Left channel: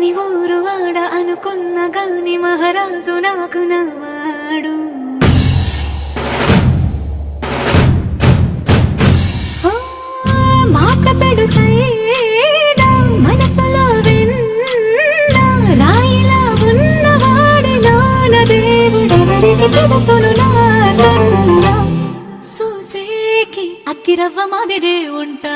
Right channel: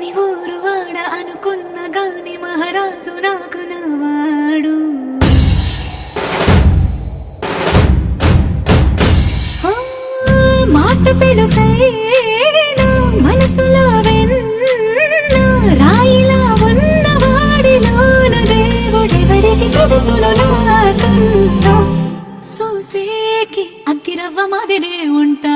పని ఊరు వాడ అనుకున్న గాని మహారాజు నాకు నవాడు. మాట పెడుసైనా మనసులో వెన్న రాయిలా ఉన్నవాడిలోన దేవుడెవరికి తెలుసును నాకన్నా. సూసేకి అగ్గిరవ్వ మాదిరే ఉంటా.